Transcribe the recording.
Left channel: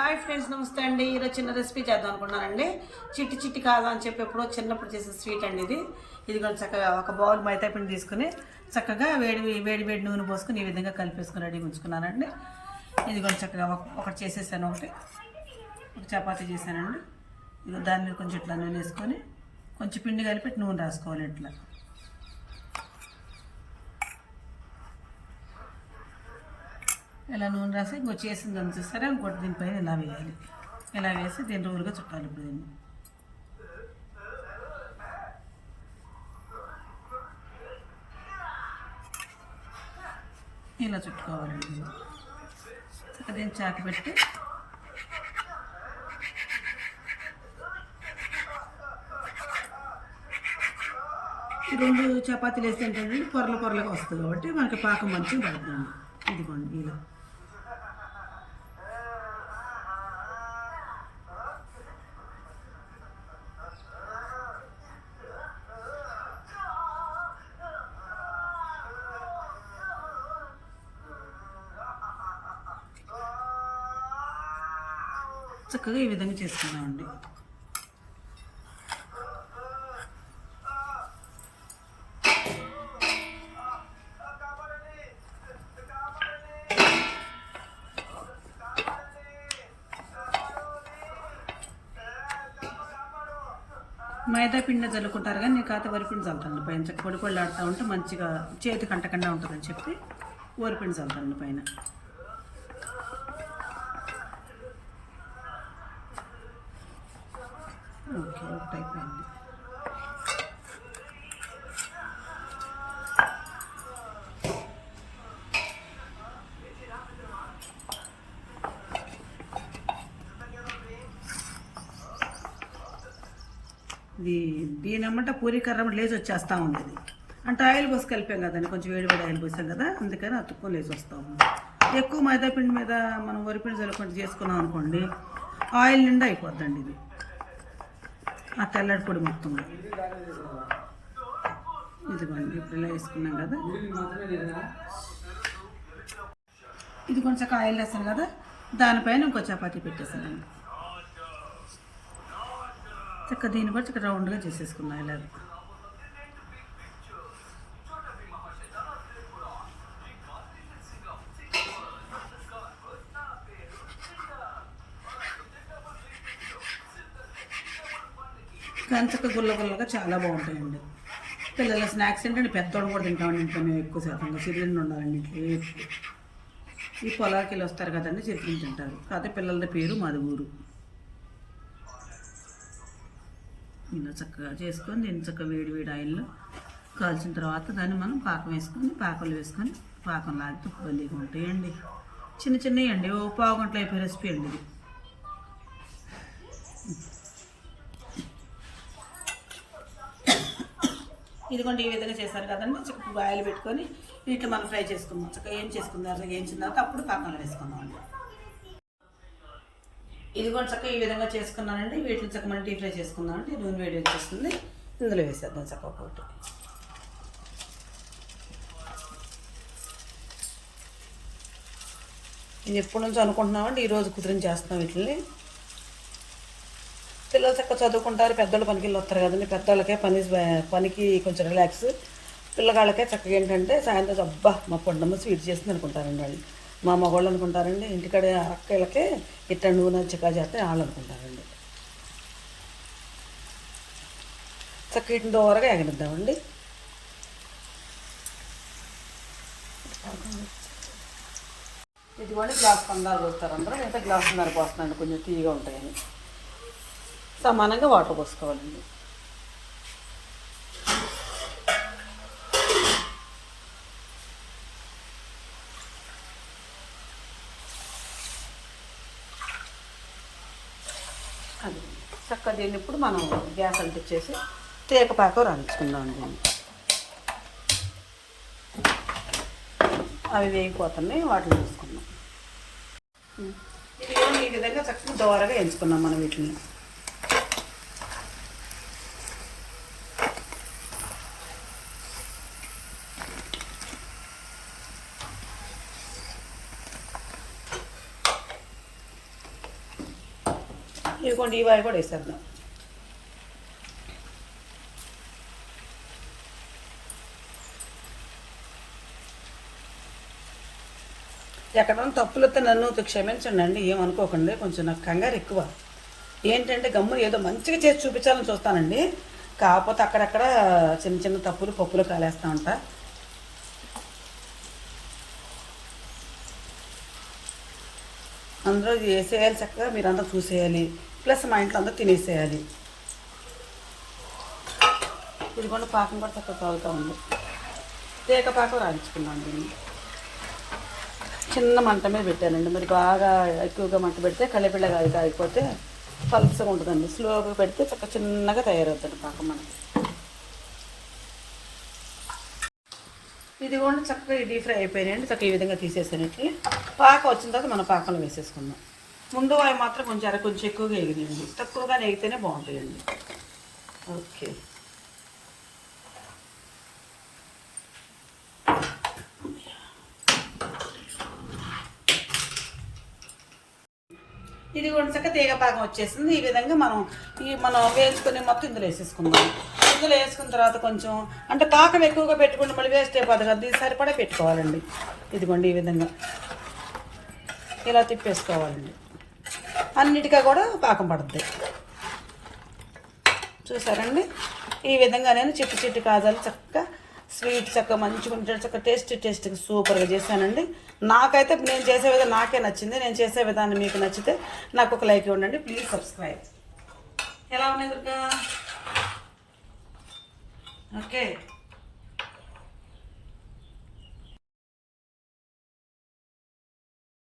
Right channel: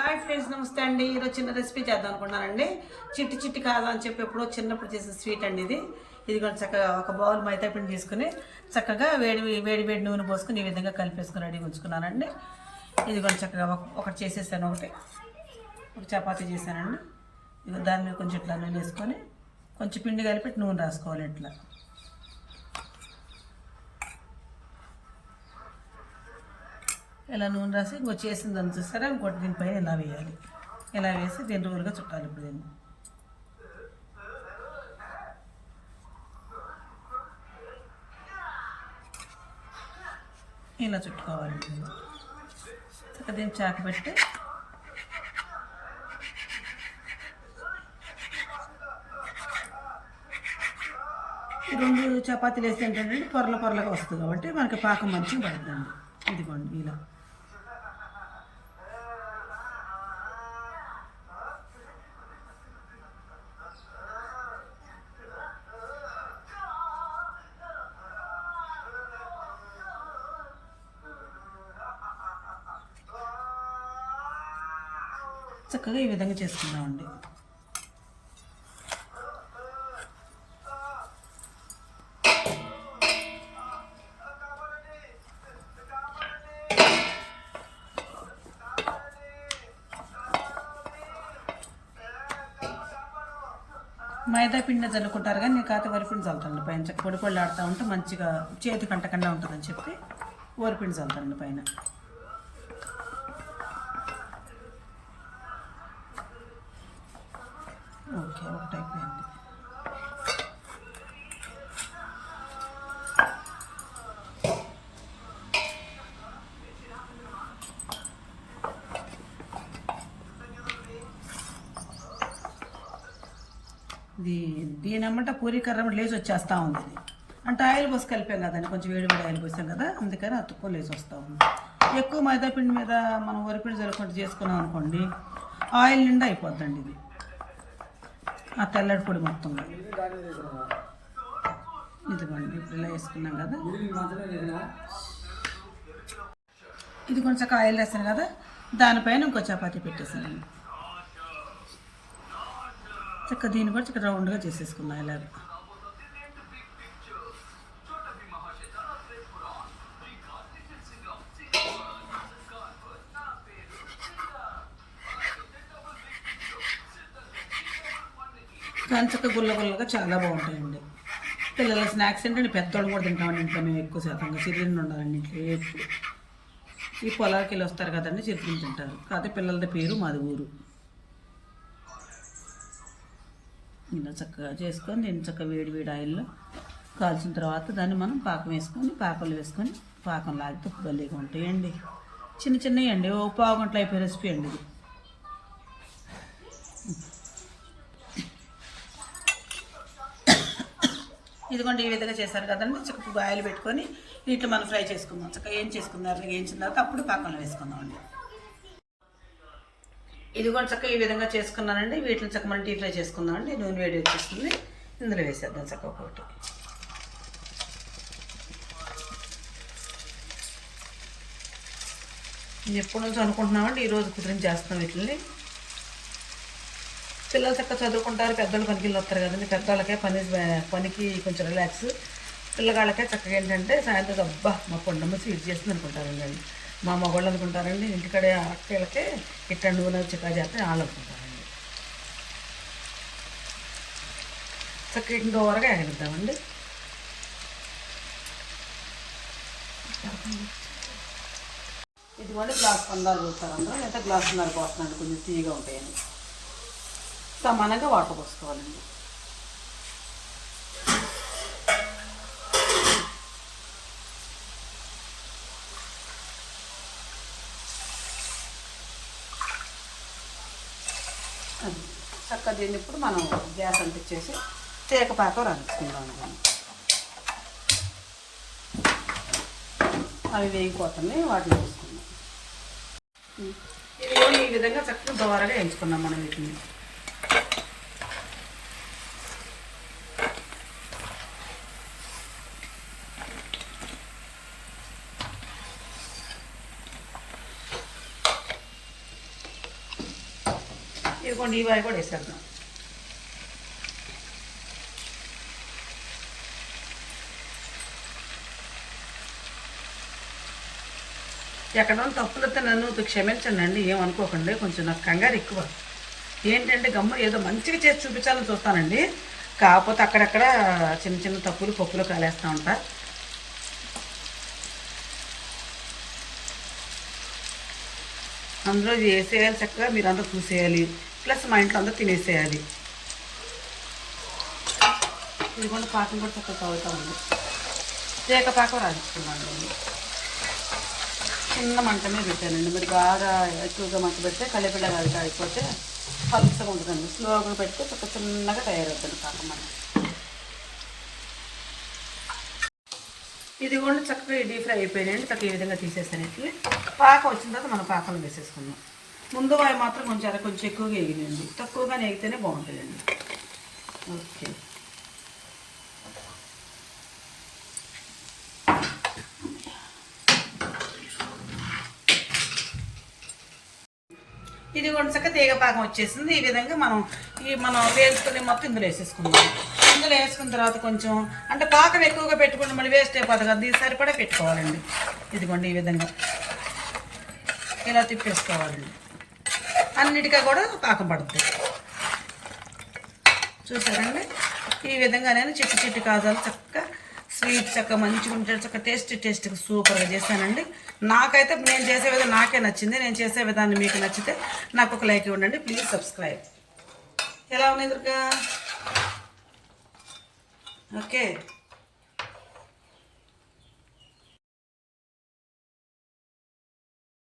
Hi friends నమస్తే అండి. ఈరోజు చిన్న రెసిపీ చేద్దాం అనుకున్నానండి. చిట్టి చిట్టి కాదు అని చెప్పి ఎప్పుడో చిన్నప్పుడు చేసే స్వీట్ అండి ఇది. ఇది కొంచెం చక్కగా ఒక బౌల్ మైదా పిండి తీసుకుని చక్కగా వేడి వేడి వేడి నూనె పోసుకుని ఈ విధంగా కలిపేసుకుని రెడీగా ఉంచుకున్నానండి. ఇది కొంచెం చక్కగా ఒక- ఒకటి చేసేసాను ఒకటి. ఒక చపాతీ చేశానండి. దాని మీద కొంచెం ఇట్లా నూనె వేసుకొని కొంచెం పిండి కలిపి నూనె రాసుకోవాలి ఇట్లా. ఇలా నూనె రాసి ఇంకో చేసిన దాన్ని చూస్తారా? ఇంకోటి దీనిపైన ఇలా వేయాలి? ఇలా వేసి దీని రోజులుగా చుట్టాలి ఇప్పుడు దీన్ని. ఇలా చుట్టుకోవాలి దీన్ని. చక్కగా దీన్ని చాకు పెట్టి రెండు చపాతీలు వేస్తే ఏంటంటే పొరల పొరలుగా వస్తుంది కాబట్టి మనకి పాకం మంచిగా పడుతుంది ఇదిగోండి ఇలా. చక్కగా ఈ విధంగా చేసుకుందామండి మైదా పిండి చల్లుకుంటారు కానీ నేను కాత వరిపిండి చల్లుతాను పైన. చక్క పొడి పొడి ఆడుతూ ఉంటే మంచిగా చేతి కంటకుండా ఉంటుందని చెప్పి వరిపిండి చల్లుతాను పైన ఓకే ఒకటి అయిపోయింది ఇది దీని అమ్మంట పూరీ కర్ర లేచి వచ్చేస్తూ ఉంది ఇది. అంటే ఆయిల్ పోసి కలిపాం కదండి కొంచెం వేడి ఆయిల్ పోసాం కదా అందుకని అతుక్కొని లేచి వస్తూ ఉంది. ఎక్కువ మైదా పిండి మీద మనం వరిపిండి చల్లుకుంటూ చేసుకున్నాం అనుకోండి ఆయిల్ నిండా అయిపోద్దండి ఇది. ఆ తెల్లడి పొడి మొత్తంగా ఇదిగోండి ఇప్పుడు ఇలా వేసుకున్నాం కదా. ఇది కొంచెం ఆయిల్ వేసాను కదా దానిపైన ఇంకో చపాతీ పెట్టేసాను చక్క దీన్ని కూడా చక్క రౌండ్గా చేసేసుకున్నాను ఇలాగ కానీ గుల్ల గుల్లగా చాలా బాగుంటాయండి. పిల్లల స్నాక్స్ ఏంటంటే పెద్దోళ్ళు కూడా తింటామండి ఇంట్లో మేము ఎక్కువ శాతంగా. చిరుతిండి ఉండాలండి ఇంట్లో ఎప్పుడు ఈ పొలాలకి వెళ్ళి వస్తారు కదండి చిరుతిండి తింటారు. కాకపోతే పిల్లలది పేరు మాది ఊరు. ఇలా చక్కగా చేసుకొని దీన్ని చక్కగా వేడి వేడి ఆయిల్లో కాల్చిన తర్వాత దాన్ని మనం పాకం వేసుకొని పాకంలో వేసుకొని పాకం లాగితే భలేగా ఉంటాయండి. చిన్న చిన్నవి అండి. ఓ పావు గంటలు అయిపోయే రెసిపీ అండి ఇది. ఇదిగోండి ఈ విధంగా చేశారు కదండి. చక్కగా ఆయిల్ పెట్టుకొని వీటిలో మనం ఫ్రై చేసుకుందాం. చక్కగా ఏం చేసుకుందాం వేయించిన తర్వాత అప్పుడు పాకంలో వేసుకుందామండి. ఇదిగోండి చక్కగా ఈ విధంగా చేసుకున్నానండి. వీటిని చక్క మనం డీప్ ఫ్రై చేసుకుందామండి. నూనె వేడి వచ్చేస్తుంది. ఇందులో వేసేద్దాం చక్క ఒకటి. ఇది ఎప్పటి నుంచో అనుకుంటున్నామండి. ఈరోజు కుదిరిని చేస్తున్నాం వీటిని. పిల్లలు చక్కగా చదువుకుంటారు పెద్దోళ్ళు పనికి వెళ్ళి వస్తారు కదండి. పెద్దోళ్ళకే పని పనికి కొంచెం రిలాక్స్ పిల్లగాళ్ళకే చక్కగా ఏంటంటే సాయంత్రం అబ్బా మా పొండమ్మ స్వీట్ చేస్తుంది అనుకుంటారండి వాళ్ళు. మా మగవాళ్ళు అనుకుంటారండి ఇంటికాడ అక్కలకే ఇట్లా నూనె చికా చేస్తే వాళ్ళు అనుకుంటారండి. చక్క వీటిని దూరగా ఎగనిద్దామండి. ఇదిగోండి గ్లాస్ పందాలు పోస్తారు అందరూ. లేదా గ్లాస్ నర పోస్తున్నాండి కొంచెం తీయగా ఉంటాయని. సమానంగా వాటర్ పోసుకోవాలండి. అది చక్కగా తిన్నప్పుడు మనం గ్యాస్ అంటించేసి తేకపాకు రంచుకుందాం దీన్ని అవి వేగిపోతున్నాయి వాటిని వేసుకుందాం ఇది కూడా ఈ విధంగా చక్కగా దోరగా ఎంచుకున్నాం మనం వీటిని. ఇదిగోండి ఈ వాయి కూడా వేసేద్దాం. ఎక్కడ తప్పులతో నన్ను క్షమించండి అండి ఏమనుకోకండి కొంచెం నాకు కంగారు ఎక్కువ. ఏంటంటే గమ్ము ఏదో మంచిగా చేసి చూపించాలని చూస్తానండి. కాకపోతే అక్కడక్కడ చిన్న చిన్న తప్పులు పప్పులు కాలేస్తూ ఉంటా. అందులో వేసేయాలి చక్కగా మీరంతా చూసేయాలి. ప్లస్ మా ఇంట్లో అంతా తినేసేయాలి. ఇది కూడా పాకం కూడా చక్కగా కాగుతూ ఉంది. తేక పాకం రాయించుకున్నాను నేను. చిన్న మంట మీద పెట్టానండి. మరి బాగా ఎక్కువగా మంట పెడితే కలపిల్ల కాదు అయిపోతే పలుసగా ఉంటుందండి. స్లోగా పెడితే చక్క చిన్నగా తయారవుతుంది పాకం మనం ఇది కూడా చక్కగా డీప్ ఫ్రై అయిపోయినాయండి. చక్కగా ఈ విధంగా తీసేసాను ఇట్లా పాక వచ్చిన తర్వాత మనం పాకంలో వేసేసుకుందాం. ముందు వాయి మాత్రం కొంచెం అర కొంచెం ఎక్కువగా ఎగినండి తక్కువగా వేగితేనే బాగుంటుందండి. ఓకే. ఇది కూడా తీగ పాకం వచ్చేసింది. ఈ విధంగా మనం ఈ మనం వేసుకునే మొత్తం ఇందులో వేసేసుకుందాం. ఇందులో వేసుకున్న తర్వాత కొంచెం అంటే పాకం ఎక్కువగా పెట్టుకుంటే మళ్ళీ వేస్ట్ అయిపోతుంది కదా. దీని సరిపడా పెట్టుకోవాలండి. ఇదిగోండి ఈ విధంగా. ఇలా తిప్పేసుకోవాలండి. అన్నిటిగా కూడా పాకం పడుతుంది చూసారండి? ఈ విధంగా నేను చిట్టి చిట్టి కాజాలు చక్కగా స్వీట్ చక్కగా మంచిగా ఉంటాడు చక్కగా టేస్ట్ టేస్ట్గా సూపర్గా చేశానండి. నాకైతే నేను చేసే విధానం నాకే నచ్చింది. నేను చేసే విధానం మీకు నచ్చితే నాకు ఒక లైక్ ఇవ్వండి. Please subscribe. ఎలా ఉన్నాయి దుర్గా? ఓకే.